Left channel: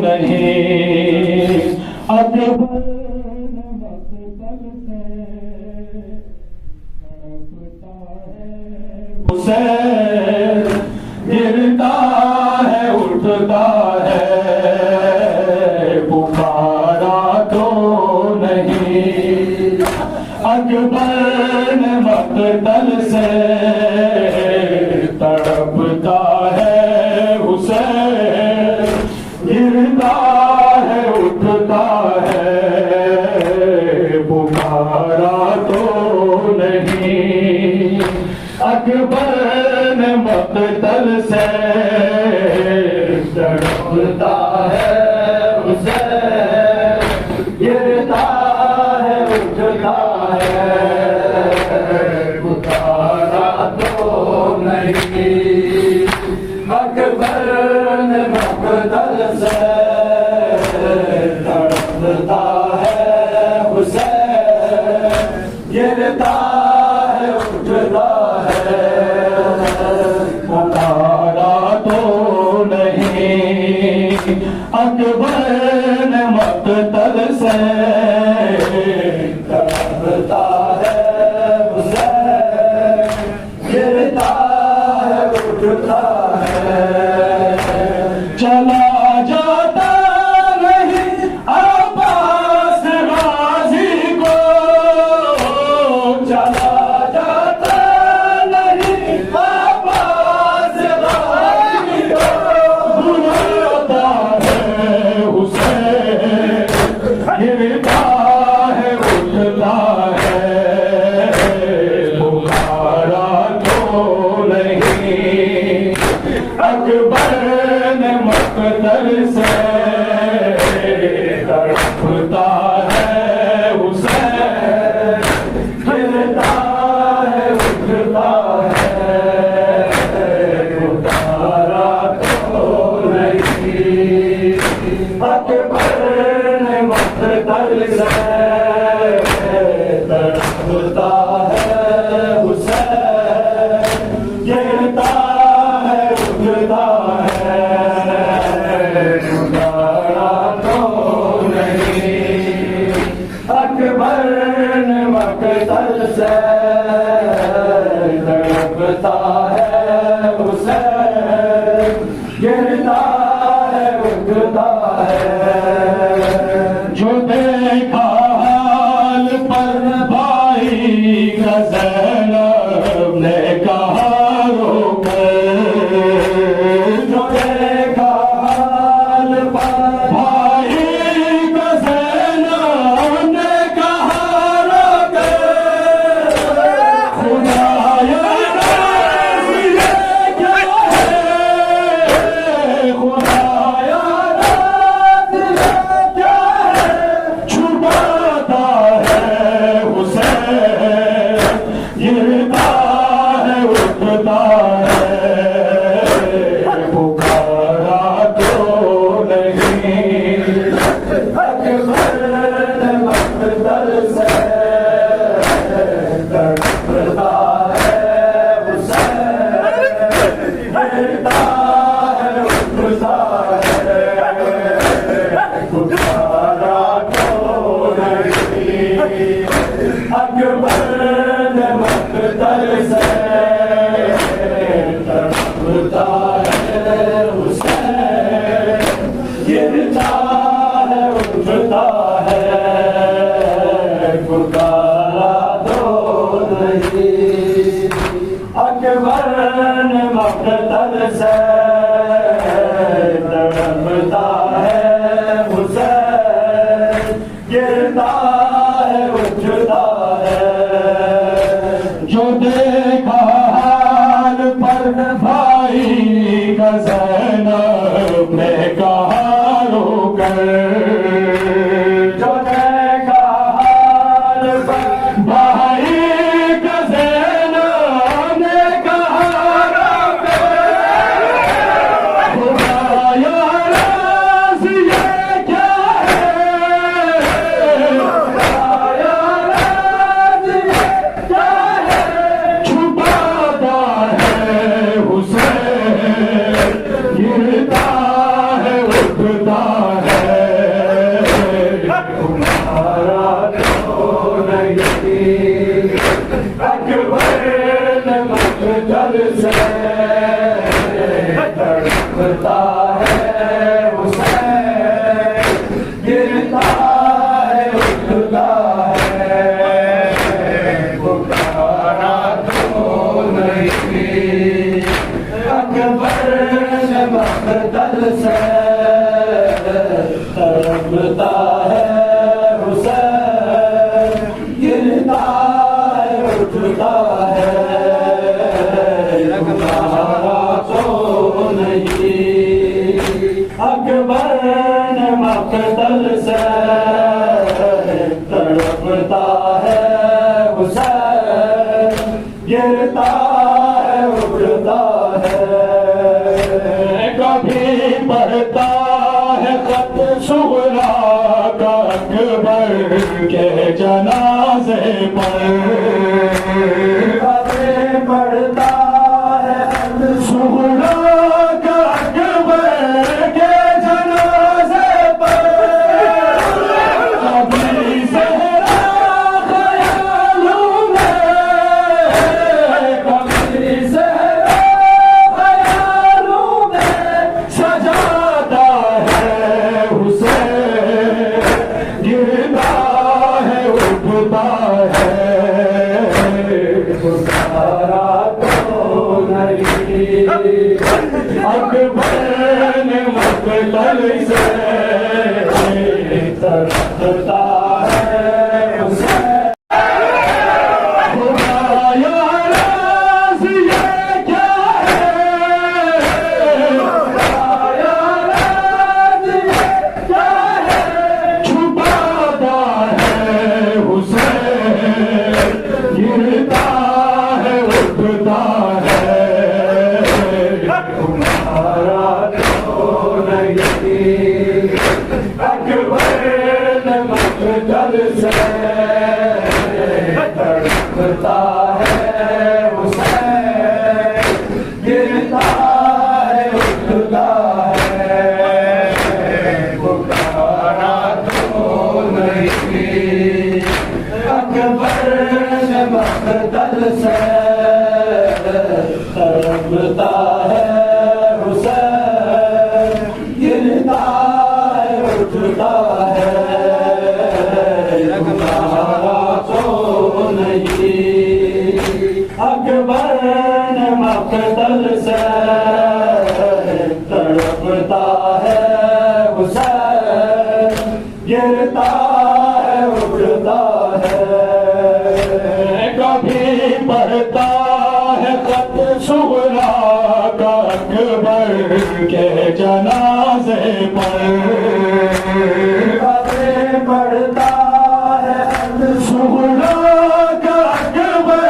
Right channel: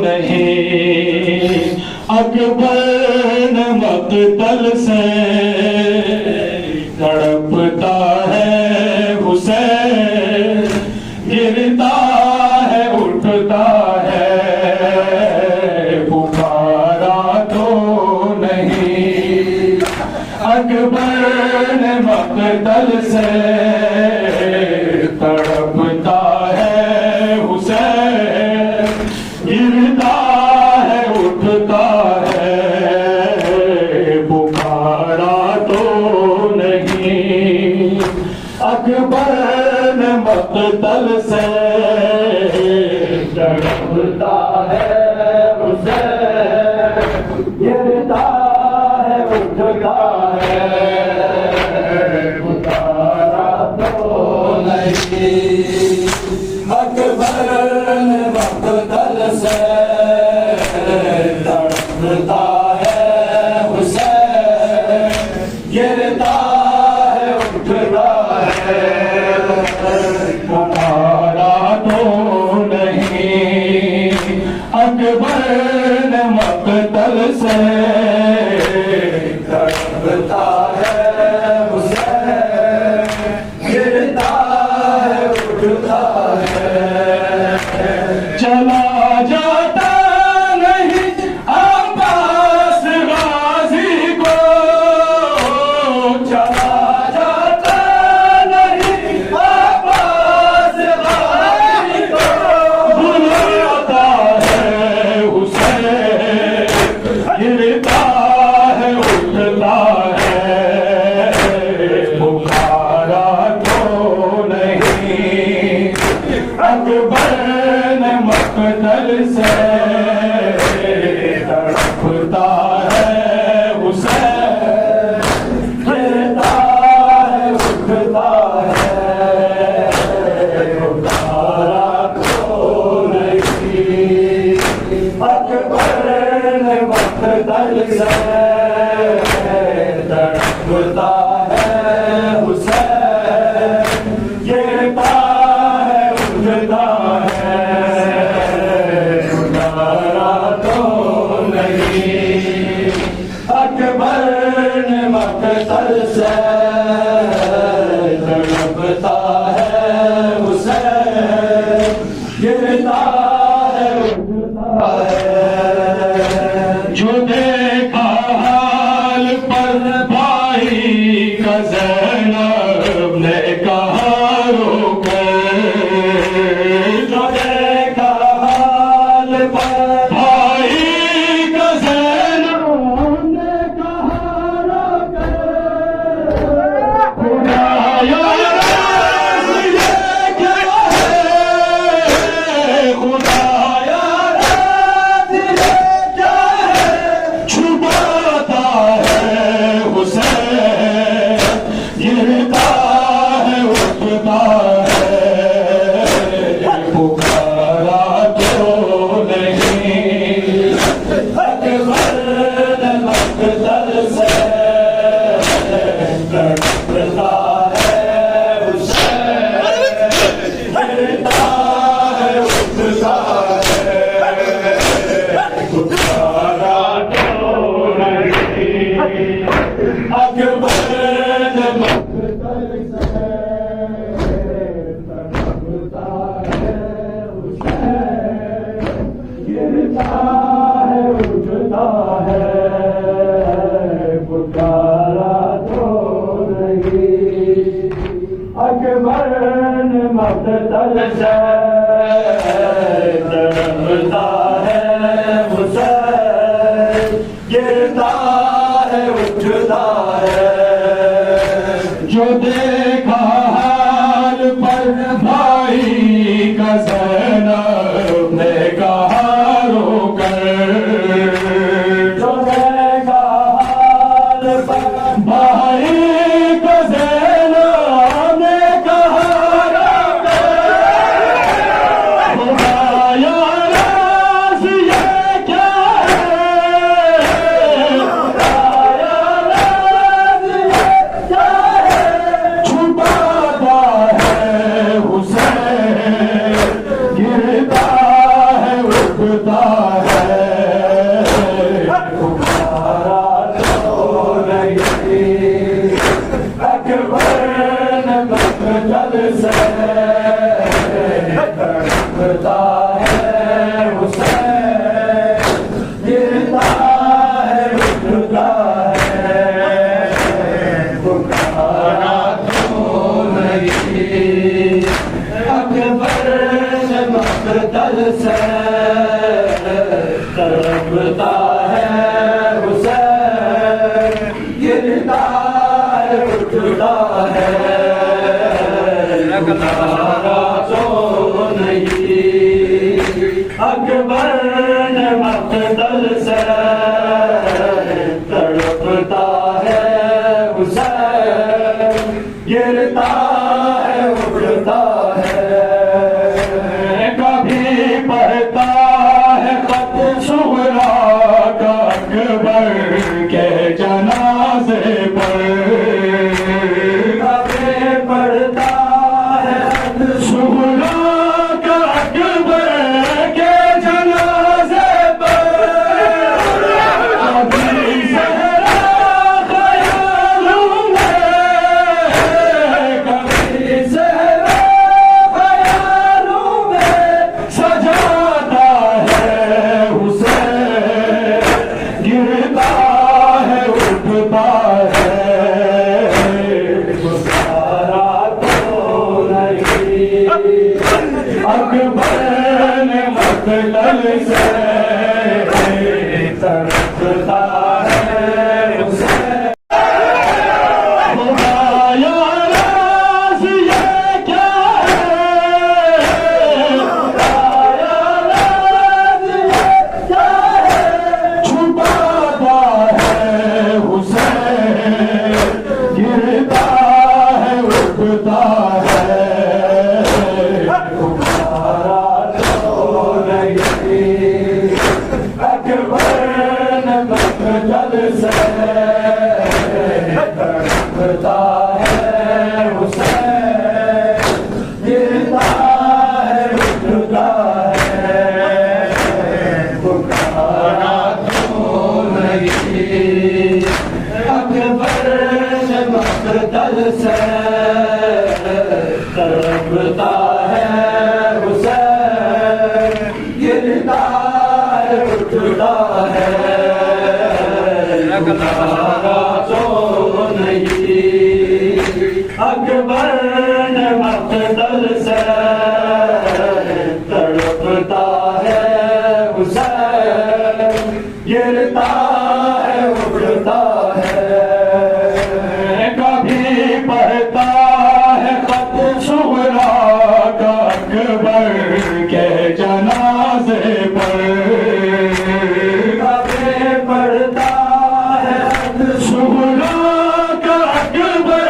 नहीं अकबर न मक़तल से तड़पता है हुसैन, गिरता है उठता है पुकारा तो नहीं। अकबर न मक़तल से तड़पता है हुसैन, गिरता है उठता है पुकारा तो नहीं। अकबर ने मक़तल से तड़पता है हुसैन, गिरता है उठता है पुकारा तो नहीं। अकबर ने मक़तल से तड़पता है हुसैन, गिरता है उठता है पुकारा तो नहीं। अकबर ने मक़तल से तड़पता है हुसैन, गिरता है उठता है। चला जाता नहीं अब्बास गाज़ी को, चला जाता नहीं अब्बास गाज़ी को, बुलाता है हुसैन, गिरता है उठता है पुकारा तो नहीं। अकबर ने मक़तल से तड़पता है हुसैन, गिरता है उठता है पुकारा तो नहीं। अकबर ने मक़तल से तड़पता है हुसैन, गिरता है उठता है पुकारा तो नहीं। अकबर ने मक़तल से तड़पता है हुसैन, गिरता है उठता है। जो देखा हाल पर भाई का ज़ैनब ने कहा रोके, जो देखा हाल पर भाई का ज़ैनब ने कहा रोके, खुदाया ये क्या है, खुदाया ये क्या है, छुपाता है हुसैन, गिरता है उठता है पुकारा तो नहीं। अकबर ने मक़तल से तड़पता है हुसैन, गिरता है उठता है पुकारा तो नहीं। अकबर ने मक़तल से तड़पता है हुसैन, गिरता है उठता है पुकारा तो नहीं। अकबर ने मक़तल से तड़पता है हुसैन, गिरता है उठता है। जो देखा हाल पर भाई का ज़ैनब ने कहा रोकर, जो देखा उठता है पुकारा तो नहीं अकबर ने मकतल से तड़पता है हुसैन गिरता है उठता है पुकारा तो नहीं अकबर ने मकतल से तड़पता है हुसैन गिरता है उठता है पुकारा तो नहीं अकबर ने मकतल से तड़पता है हुसैन गिरता है उठता है कभी पढ़ता है खत सुगरा का अकबर के जनाजे पर कभी पढ़ता है खत सुगरा का अकबर के जनाजे पर कभी सहरा ख्यालों में कभी सहरा ख्यालों में सजाता है हुसैन गिरता है उठता है पुकारा तो नहीं अकबर ने मकतल से तड़पता है हुसैन खुदाया राज़ ये क्या है खुदाया राज़ ये क्या है छुपाता है हुसैन गिरता है उठता है पुकारा तो नहीं अकबर ने मकतल से तड़पता है हुसैन गिरता है उठता है पुकारा तो नहीं अकबर ने मकतल से तड़पता है हुसैन गिरता है उठता है पुकारा तो नहीं अकबर ने मकतल से तड़पता है हुसैन गिरता है उठता है कभी पढ़ता है खत सुगरा का अकबर के जनाजे पर कभी पढ़ता है खत सुगरा का अकबर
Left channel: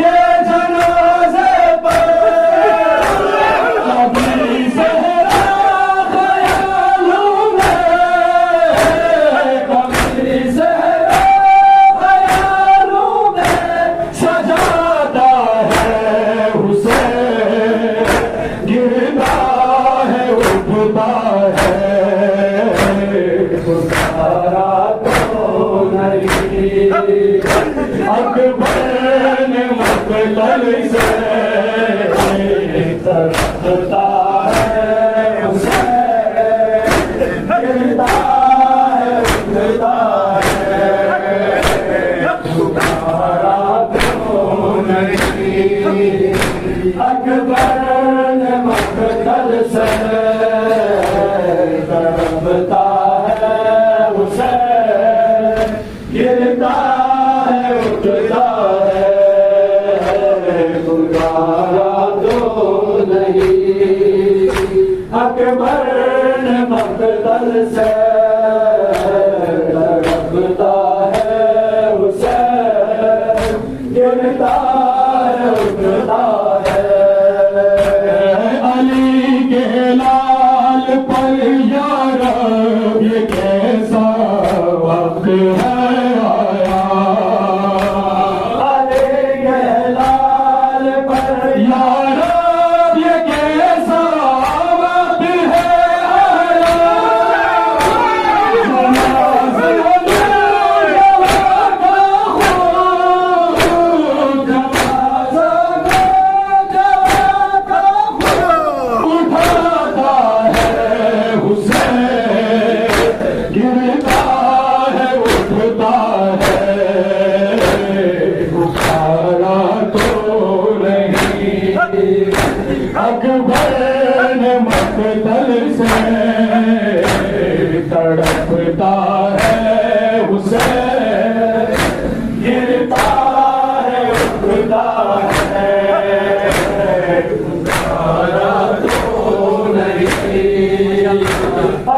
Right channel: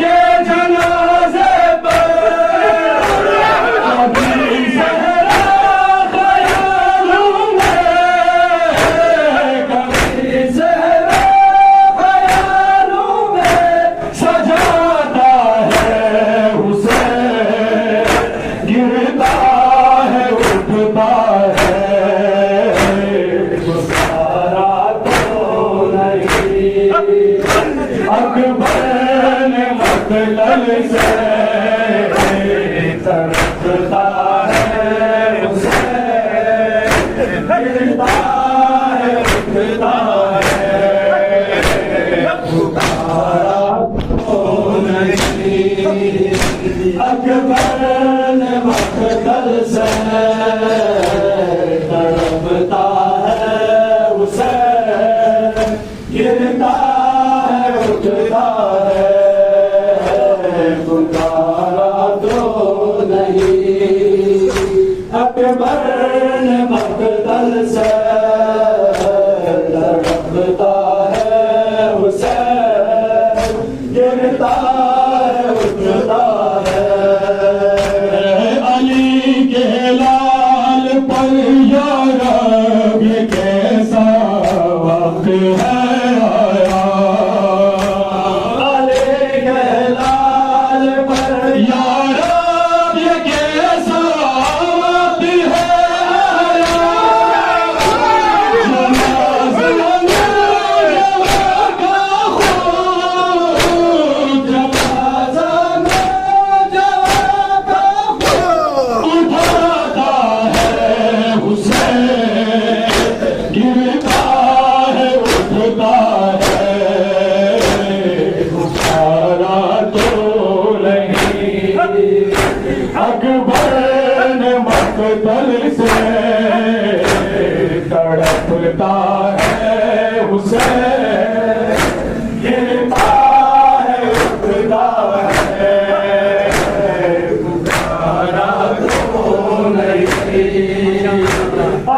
के जनाजे पर कभी सहरा ख्यालों में कभी सहरा ख्यालों में सजाता है हुसैन गिरता है उठता है पुकारा तो नहीं अकबर ने मकतल से तड़पता है हुसैन गिरता है उठता है पुकारा तो नहीं अकबर ने मकतल से तड़पता है हुसैन गिरता है उठता है पुकारा तो नहीं अकबर ने मकतल से तड़पता है हुसैन गिरता है उठता है अली के लाल पर यार ये कैसा वक्त है आया अली के लाल पर यार ये कैसा वक्त है आया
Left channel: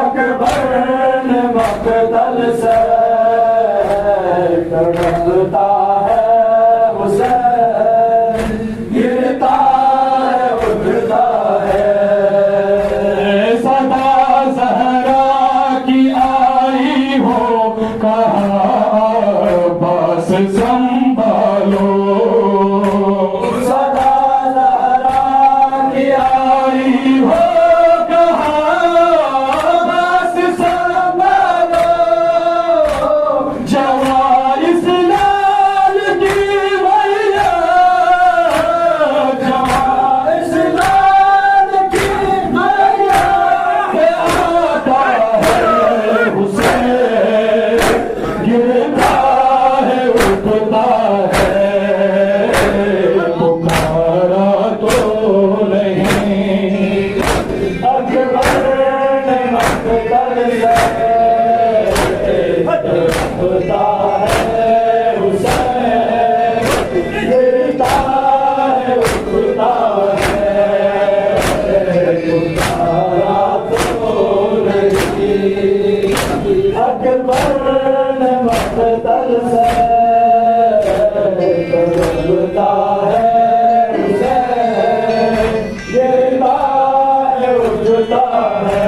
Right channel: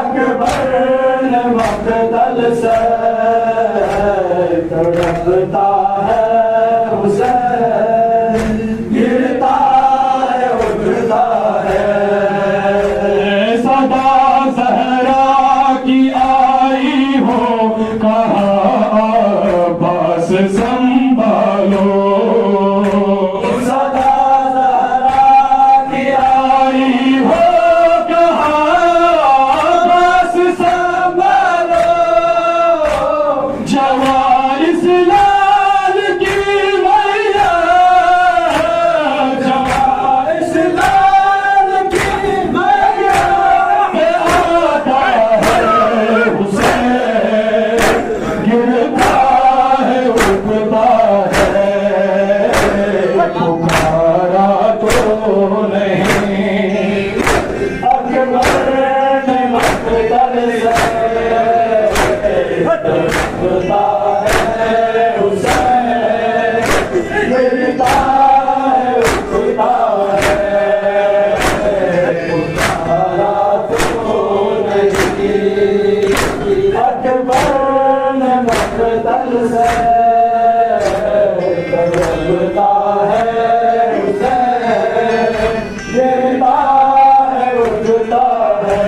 अकबर ने मकतल से तड़पता है हुसैन, गिरता है उठता है। सदा ज़हरा की आई हो कहा बस संभालो, सदा ज़हरा की आई हो कहा बस संभालो। जवारिस लाल की मैया, जवारिस लाल की मैया पे आता है हुसैन, गिरता है उठता है। पुकारा तो नहीं अकबर ने मकतल से तड़पता है हुसैन, गिरता है उठता है। पुकारा तो नहीं अकबर ने मकतल से तड़पता है हुसैन, गिरता है उठता है।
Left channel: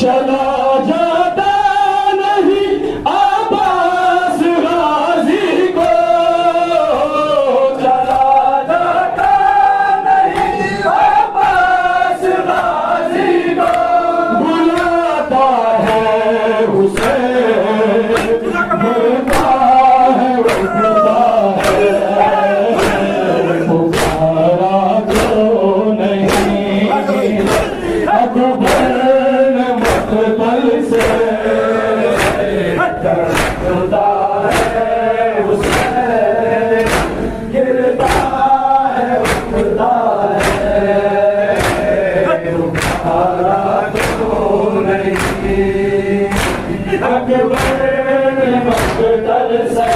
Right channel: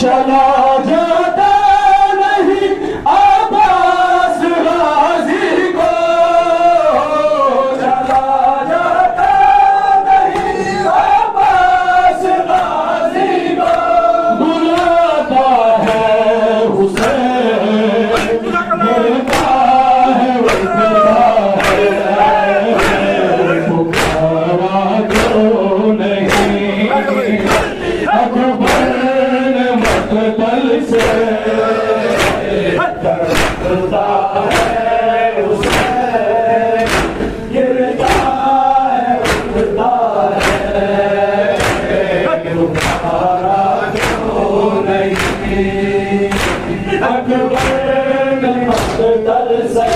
चला जाता नहीं अब्बास गाज़ी को, चला जाता नहीं अब्बास गाज़ी को, बुलाता है हुसैन, गिरता है उठता है। पुकारा तो नहीं अकबर ने मकतल से तड़पता है हुसैन, गिरता है उठता है। पुकारा तो नहीं अकबर ने मकतल से